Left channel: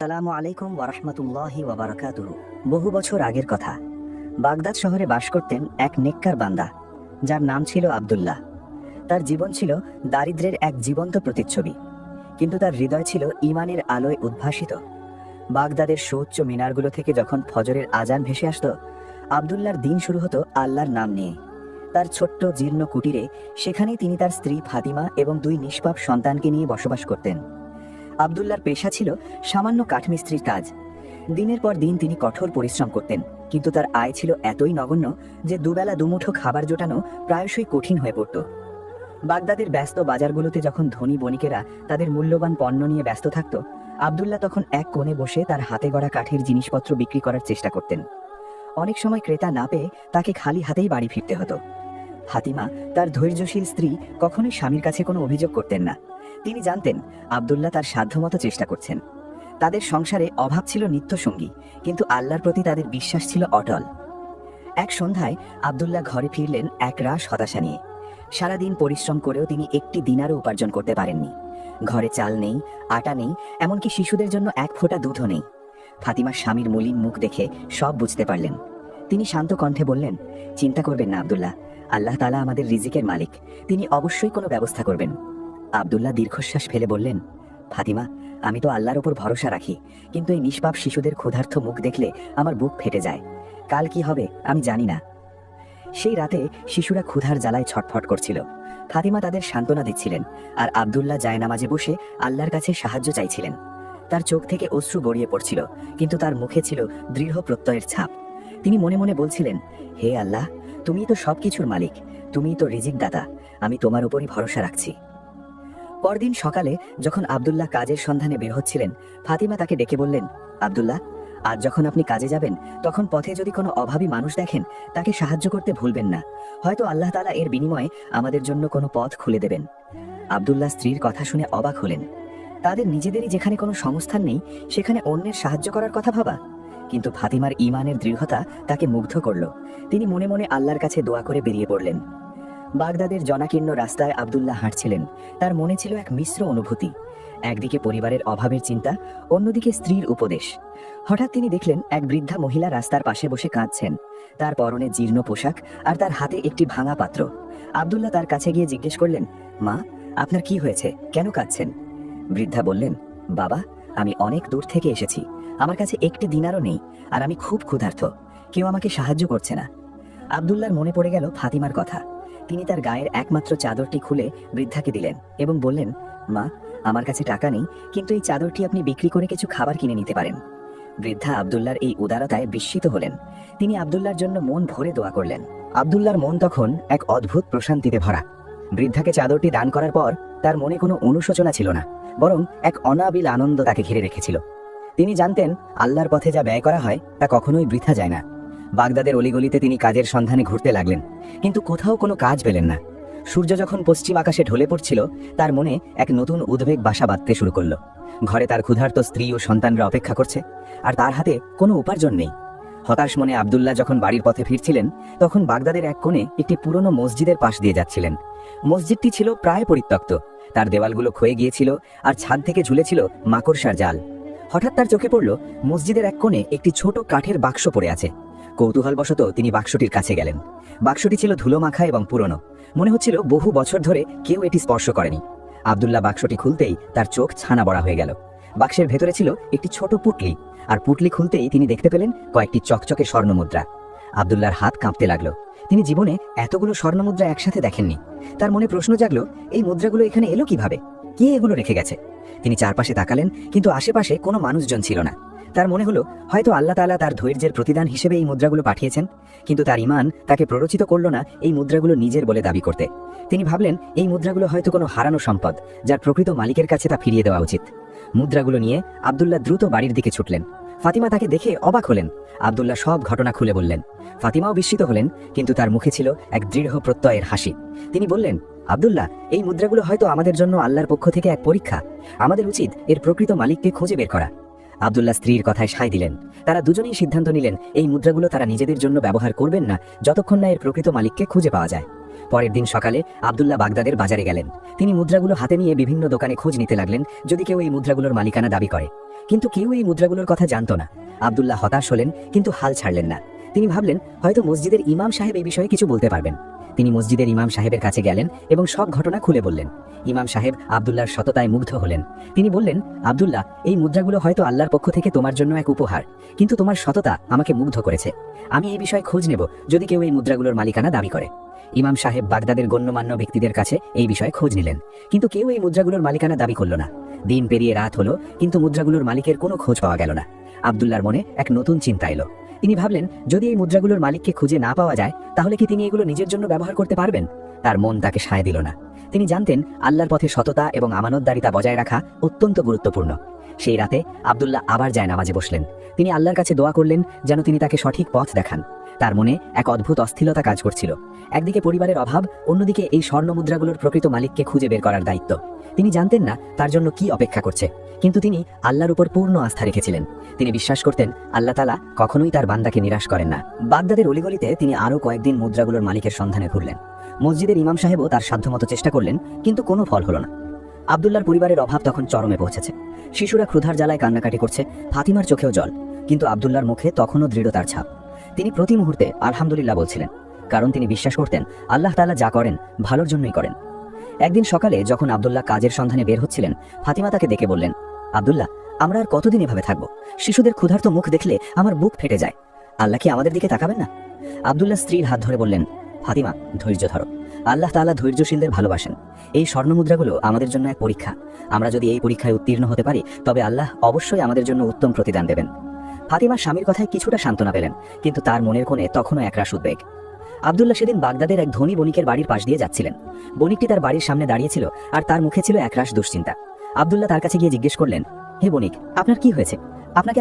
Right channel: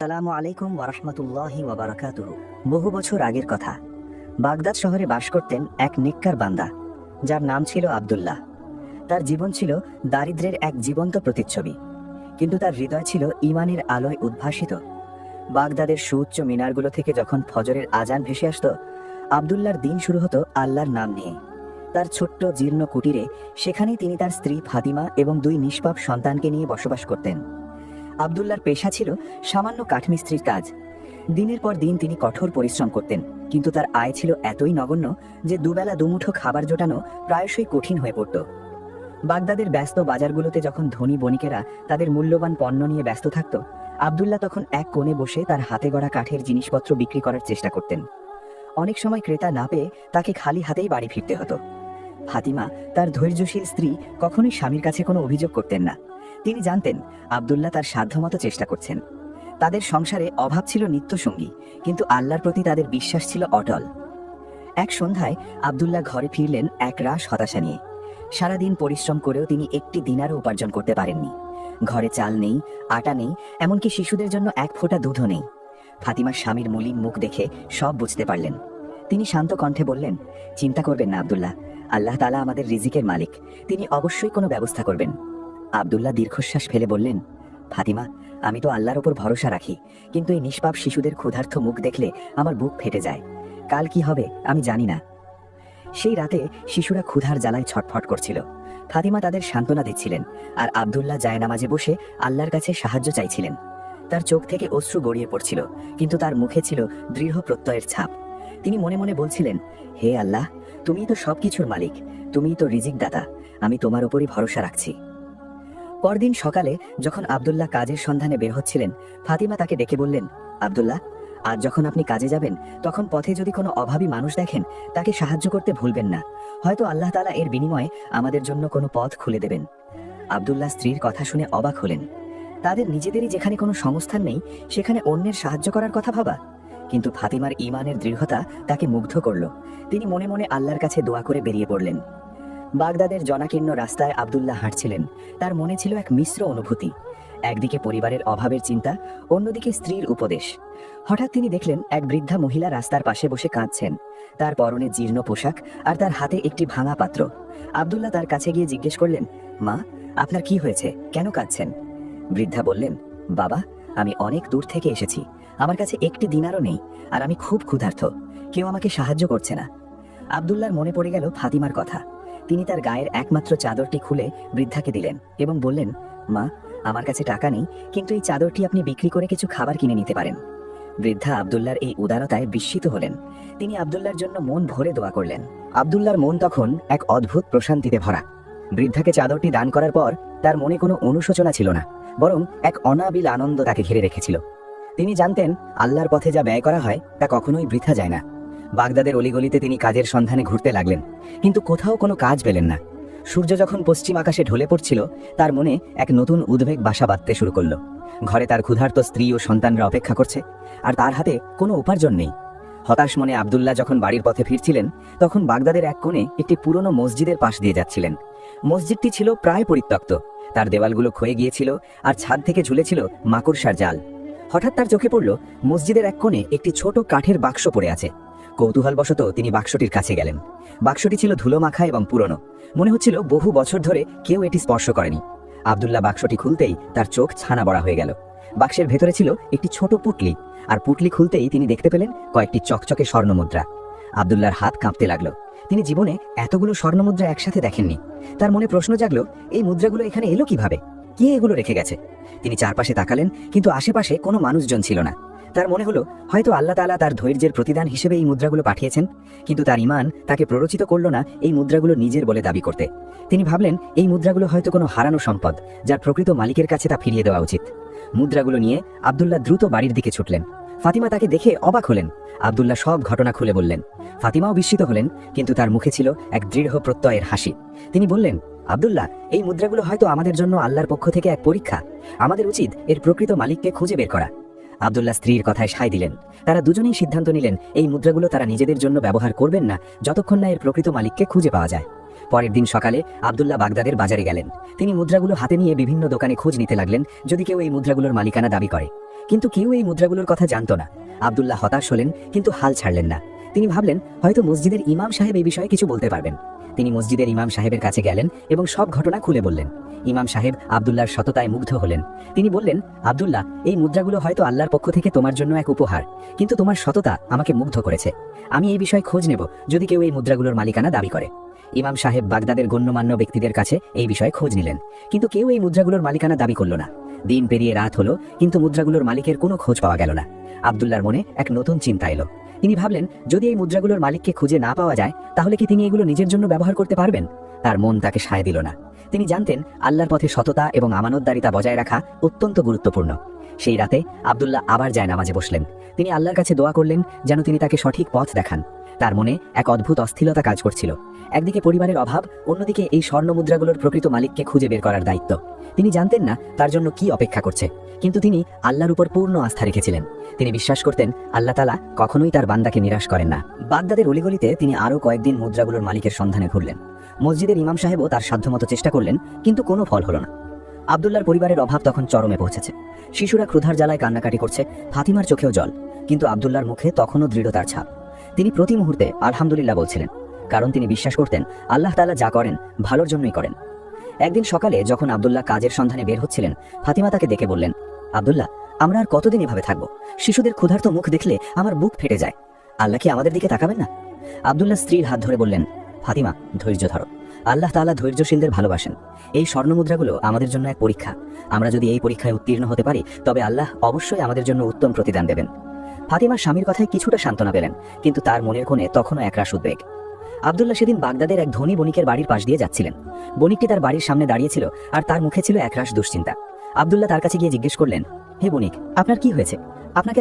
আসসালামু আলাইকুম ওয়ারাহমাতুল্লাহি ওয়া বারাকাতুহু। বহু বছর আগের কথা, বাগদাদ শহরে বাস করতেন এক নেককার বান্দা, যার নাম ছিল আব্দুল্লাহ। তার জীবন ছিল দারিদ্র্যের এক জীবন্ত প্রতিচ্ছবি, কিন্তু তার হৃদয় ছিল ঈমানের আলোয় উদ্ভাসিত। বাগদাদের সুউচ্চ মিনারগুলো থেকে যখন ফজরের আজান ভেসে আসতো, আব্দুল্লাহর দিন শুরু হতো আল্লাহর নাম নিয়ে। তার ছোট্ট জীর্ণ কুটিরে, সেখানেই তিনি তার স্ত্রী ফাতিমা এবং দুই নিষ্পাপ সন্তানকে নিয়ে বসবাস করতেন। আব্দুল্লাহর পেশা ছিল সামান্য কাঠমিস্ত্রির কাজ। দিনের পর দিন তিনি কঠোর পরিশ্রম করতেন, কিন্তু তার আয় ছিল এতই নগণ্য যে দুবেলা দুমুঠো খাবার জোটানো প্রায়শই কঠিন হয়ে পড়ত। বাগদাদের ব্যস্ত বাজারগুলোতে যখন ধনী বণিকেরা তাদের মূল্যবান পণ্য নিয়ে ব্যস্ত থাকত, আব্দুল্লাহ তখন এক কোণে বসে তার হাতে গড়া কাঠের জিনিসপত্র বিক্রি করার চেষ্টা করতেন। অনেক সময় ক্রেতা না পেয়ে তাকে খালি হাতেই বাড়ি ফিরতে হতো। ফাতিমা, তার ধৈর্যশীল স্ত্রী, কখনোই স্বামীর কাছে কোনো অভিযোগ করতেন না। তিনি জানতেন আব্দুল্লাহ তার সাধ্যমতো চেষ্টা করছেন। তাদের সংসারে অভাব ছিল নিত্যসঙ্গী, কিন্তু আল্লাহর প্রতি তাদের বিশ্বাস ছিল অটল। এক সন্ধ্যায় আব্দুল্লাহ ঘরে ফিরলেন এক রাশ হতাশা নিয়ে। সারাদিন পরিশ্রম করেও তিনি একটি দিনারও উপার্জন করতে পারেননি। ঘরে চাল নেই, আটা নেই, এমনকি শিশুদের জন্য এক ফোঁটা দুধও নেই। ফাতিমার স্বামীর মলিন মুখ দেখে সব বুঝতে পারলেন। তিনি শান্ত কণ্ঠে বললেন, চিন্তা করবেন না আব্দুল্লাহ, আল্লাহ তাআলা আমাদের রিজিকের মালিক, তিনি অবশ্যই কোনো ব্যবস্থা করবেন। আব্দুল্লাহ দীর্ঘশ্বাস ফেলে বললেন, ফাতিমা, আমি তো আল্লাহর ওপর ভরসা রাখি, কিন্তু এই নিষ্পাপ শিশুদের ক্ষুধার্ত মুখ দেখলে আমার বুক ফেটে যায়। কাল কি হবে আমি জানি না। সেই রাতে শিশুরা ক্ষুধার জ্বালায় ছটফট করছিল। ফাতিমা তাদের সান্ত্বনা দিচ্ছিলেন, আর আব্দুল্লাহ জায়নামাজে বসে আল্লাহর কাছে সাহায্য চাইছিলেন। তার চোখ থেকে অশ্রু গড়িয়ে পড়ছিল, কিন্তু তার মুখে ছিল দৃঢ় প্রত্যয়ের ছাপ। তিনি মনে মনে বলছিলেন, হে আল্লাহ, তুমিই তো সবকিছুর মালিক, তুমিই তো রিজিক দাতা, আমি তোমার উপরই ভরসা রাখছি। পরদিন সকালে যখন আব্দুল্লাহ কাজের সন্ধানে বের হচ্ছিলেন, ফাতিমা তাকে ডেকে বললেন, আব্দুল্লাহ, আজ যখন আপনি কাজে যাবেন, তখন পথে যদি কোনো অভাবী মানুষ দেখেন, তাকে সাহায্য করতে ভুলবেন না। হয়তো আল্লাহ তাআলা এর বিনিময়ে আমাদের জন্য কোনো পথ খুলে দেবেন। আব্দুল্লাহ স্ত্রীর কথা শুনে অবাক হলেন। তাদের নিজেদেরই যেখানে কোনো সংস্থান নেই, সেখানে অন্যের সাহায্য করার কথা ভাবা। কিন্তু ফাতিমার ঈমানের দৃঢ়তা তাকে মুগ্ধ করল। তিনি মনে মনে আল্লাহর কাছে দোয়া করে বেরিয়ে পড়লেন। বাগদাদের জনাকীর্ণ রাস্তায় আব্দুল্লাহ হাঁটছিলেন। তার মনে ছিল এক মিশ্র অনুভূতি। একদিকে পরিবারের অভাবের চিন্তা, অন্যদিকে স্ত্রীর উপদেশ। হঠাৎ তিনি দেখলেন এক বৃদ্ধা মহিলা রাস্তার পাশে বসে কাঁদছেন। তার পরনে জীর্ণ পোশাক, আর তার হাতে একটি ভাঙা পাত্র। আব্দুল্লাহ তার কাছে গিয়ে জিজ্ঞেস করলেন, মা, আপনার কি হয়েছে, কেন কাঁদছেন? বৃদ্ধা বললেন, বাবা, আমি অনেক দূর থেকে এসেছি, আমার কাছে একটি দিনারও নেই, আর আমি খুব ক্ষুধার্ত, কেউ আমাকে সাহায্য করছে না। আব্দুল্লাহর মনে পড়ে গেল ফাতিমার কথা। তিনি তার গায়ের একমাত্র চাদরটি খুলে বৃদ্ধাকে দিলেন এবং বললেন, মা, আমার কাছে টাকা নেই, কিন্তু এই চাদরটি আপনি বিক্রি করে কিছু খাবার কিনে নিতে পারেন। বৃদ্ধা আব্দুল্লাহর এই উদারতায় বিস্মিত হলেন। তিনি আব্দুল্লাহর জন্য মন ভরে দোয়া করলেন। আব্দুল্লাহর মন তখন এক অদ্ভুত প্রশান্তিতে ভরা। বৃদ্ধাকে চাদরটি দান করার পর তার মনে কোনো অনুশোচনা ছিল না, বরং এক অনাবিল আনন্দ তাকে ঘিরে রেখেছিল। তিনি জানতেন, আল্লাহর পথে যা ব্যয় করা হয় তা কখনোই বৃথা যায় না। বাগদাদের অলিগলিতে তিনি কাজের সন্ধানে ঘুরতে লাগলেন, কিন্তু কোথাও কোনো কাজ পেলেন না। সূর্য যখন পশ্চিম আকাশে ঢলে পড়ছিল, তার মনে এক নতুন উদ্বেগ বাসা বাঁধতে শুরু করল। ঘরে তার ক্ষুধার্ত স্ত্রী ও সন্তানরা অপেক্ষা করছে, আর তার হাতে কোনো উপার্জন নেই। হতাশ মনে আব্দুল্লাহ যখন বাড়ির পথে ফিরছিলেন, তখন বাগদাদের এক কোণে একটি পুরনো মসজিদের পাশ দিয়ে যাচ্ছিলেন। মসজিদটি ছিল প্রায় পরিত্যক্ত, তার দেওয়ালগুলো ক্ষয়ে গিয়েছিল, আর ছাদ থেকে ঝুলেছিল মাকড়সার জাল। হঠাৎ তার চোখে পড়ল, মসজিদের এক কোণে একটি ছোট কাঠের বাক্স পড়ে আছে। কৌতূহলবশত তিনি বাক্সটির কাছে গেলেন। বাক্সটি ছিল ধুলোমাখা এবং পুরনো, মনে হচ্ছিল বহু বছর ধরে কেউ এটি স্পর্শ করেনি। আব্দুল্লাহ বাক্সটি খুলতেই তার চোখ ছানা বড়া হয়ে গেল। বাক্সের ভেতরে ছিল একটি ছোট পুটলি, আর পুটলি খুলতেই তিনি দেখতে পেলেন কয়েকটি চকচকে স্বর্ণমুদ্রা। আব্দুল্লাহর হাত কাঁপতে লাগলো। তিনি জীবনে এতগুলো স্বর্ণমুদ্রা একসাথে দেখেননি। তার মনে প্রশ্ন জাগলো, এই মুদ্রাগুলো এখানে এলো কিভাবে, কে এগুলো রেখে গেছে? তিনি চারপাশে তাকালেন, কিন্তু আশেপাশে কোনো মানুষজন ছিল না। তার মনে হলো, হয়তো আল্লাহ তাআলা তার ধৈর্যের প্রতিদান হিসেবে এই মুদ্রাগুলো পাঠিয়েছেন। কিন্তু তার ঈমান তাকে প্ররোচিত করলো না এই মুদ্রাগুলো নিজের বলে দাবি করতে। তিনি ভাবলেন, এই মুদ্রাগুলো হয়তো কোনো হারানো সম্পদ, যার প্রকৃত মালিকের কাছে তা ফিরিয়ে দেওয়া উচিত। মুদ্রাগুলো নিয়ে আব্দুল্লাহ দ্রুত বাড়ির দিকে ছুটলেন। ফাতিমা তাকে দেখে অবাক হলেন। আব্দুল্লাহ সব ঘটনা খুলে বললেন। ফাতিমাও বিস্মিত হলেন, কিন্তু তার মুখে ছিল এক দৃঢ় প্রত্যয়ের হাসি। তিনি বললেন, আব্দুল্লাহ, এই মুদ্রাগুলো হয়তো আমাদের জন্য আল্লাহর পক্ষ থেকে এক পরীক্ষা। আমাদের উচিত এর প্রকৃত মালিককে খুঁজে বের করা। আব্দুল্লাহ স্ত্রীর কথায় সায় দিলেন। তারা দুজনেই সিদ্ধান্ত নিলেন, এই মুদ্রাগুলো তারা নিজেদের জন্য ব্যবহার করবেন না, যতক্ষণ না এর প্রকৃত মালিককে খুঁজে পাওয়া যায়। পরের দিন সকালে আব্দুল্লাহ বাগদাদের বাজারে গেলেন। তিনি মুদ্রাগুলো হাতে নিয়ে বিভিন্ন দোকানে খোঁজ নিতে লাগলেন যদি কেউ এই মুদ্রাগুলোর মালিকানা দাবি করে, কিন্তু কেউ এই মুদ্রাগুলোর কথা জানতো না। আব্দুল্লাহ হতাশ হলেন, কিন্তু হাল ছাড়লেন না। তিনি ভাবলেন হয়তো মসজিদের ইমাম সাহেব এই বিষয়ে কিছু বলতে পারবেন। তিনি মসজিদের ইমাম সাহেবের কাছে গেলেন এবং সব ঘটনা খুলে বললেন। ইমাম সাহেব আব্দুল্লাহর সততায় মুগ্ধ হলেন। তিনি বললেন, আব্দুল্লাহ, এই মুদ্রাগুলো হয়তো আল্লাহর পক্ষ থেকে তোমার জন্য এক উপহার, কিন্তু তোমার সততা আমাকে মুগ্ধ করেছে। আমি এই বিষয়ে খোঁজ নেব যদি কেউ এই মুদ্রাগুলোর মালিকানা দাবি করে। ইমাম সাহেব বাগদাদের গণ্যমান্য ব্যক্তিদের কাছে এই বিষয়ে খোঁজ নিলেন, কিন্তু কেউ এই মুদ্রাগুলোর মালিকানা দাবি করল না। দিন পেরিয়ে রাত হলো, কিন্তু মুদ্রাগুলোর মালিকের কোনো খোঁজ পাওয়া গেল না। আব্দুল্লাহর মনে এক নতুন চিন্তা এলো। তিনি ভাবলেন, যদি এই মুদ্রাগুলোর মালিককে খুঁজে না পাওয়া যায়, তাহলে কি তিনি এগুলো নিজের জন্য ব্যবহার করতে পারবেন? তার মন তাকে সায় দিল না। তিনি জানতেন আল্লাহর পথে সততা এবং আমানতদারিতা বজায় রাখা অত্যন্ত গুরুত্বপূর্ণ। সেই রাতে আব্দুল্লাহ আবার নামাজে বসলেন। তিনি আল্লাহর কাছে দোয়া করলেন যেন তিনি তাকে সঠিক পথ দেখান। তার মনে এক অদ্ভুত অস্থিরতা কাজ করছিল। একদিকে পরিবারের অভাব, অন্যদিকে এই স্বর্ণ মুদ্রাগুলোর প্রকৃত মালিককে খুঁজে বের করার দায়িত্ব। তিনি জানতেন না তার জন্য কি অপেক্ষা করছে, কিন্তু তিনি আল্লাহর উপর পূর্ণ আস্থা রেখেছিলেন। তিনি বিশ্বাস করতেন আল্লাহ তাআলা কখনোই তার বান্দাকে নিরাশ করেন না। বাগদাদের অলিগলিতে তিনি আরও কয়েকদিন মুদ্রাগুলোর মালিকের সন্ধানে ঘুরলেন। মসজিদের ইমাম সাহেবও তার সাধ্যমতো চেষ্টা করলেন, কিন্তু কোনো ফল হলো না। আব্দুল্লাহর পরিবারের অভাব তখন চরমে পৌঁছেছে। শিশুরা ক্ষুধার জ্বালায় কান্নাকাটি করছে, ফাতিমার চোখেও জল, কিন্তু আব্দুল্লাহর মুখে তখনও দৃঢ়তার ছাপ। তিনি প্রতি মুহূর্তে আলহামদুলিল্লাহ বলছিলেন, কারণ তিনি বিশ্বাস করতেন আল্লাহ তাআলা যা করেন ভালোর জন্যই করেন। একদিন সকালে যখন আব্দুল্লাহ কাজের সন্ধানে বের হচ্ছিলেন, ফাতিমা তাকে দেখে বললেন, আব্দুল্লাহ, আমরা আর কতদিন এভাবে থাকবো? শিশুদের ক্ষুধার্ত মুখ দেখলে আমার বুক ফেটে যায়। আল্লাহ কি আমাদের দিকে তাকাবেন না? আব্দুল্লাহ স্ত্রীর হাত ধরে বললেন, ফাতিমা, ধৈর্য ধরো। আল্লাহ তাআলা ধৈর্যশীলদের ভালোবাসেন। এই স্বর্ণমুদ্রাগুলো আমাদের জন্য এক পরীক্ষা। আমরা যদি এই পরীক্ষায় উত্তীর্ণ হতে পারি, তবে আল্লাহ অবশ্যই আমাদের জন্য উত্তম প্রতিদান দেবেন। ফাতিমা স্বামীর কথায় কিছুটা সান্ত্বনা পেলেন, কিন্তু তার মনের কোণে তখনও একরাশ উদ্বেগ। আব্দুল্লাহ সেদিন বাগদাদের এক ধনী বণিকের বাড়ির পাশ দিয়ে যাচ্ছিলেন। বণিকটি তার বাড়ির সামনে দাঁড়িয়েছিল, আর তার মুখে ছিল একরাশ দুশ্চিন্তা। আব্দুল্লাহ তার কাছে গিয়ে জিজ্ঞেস করলেন, হে বণিক, আপনার কি হয়েছে? আপনাকে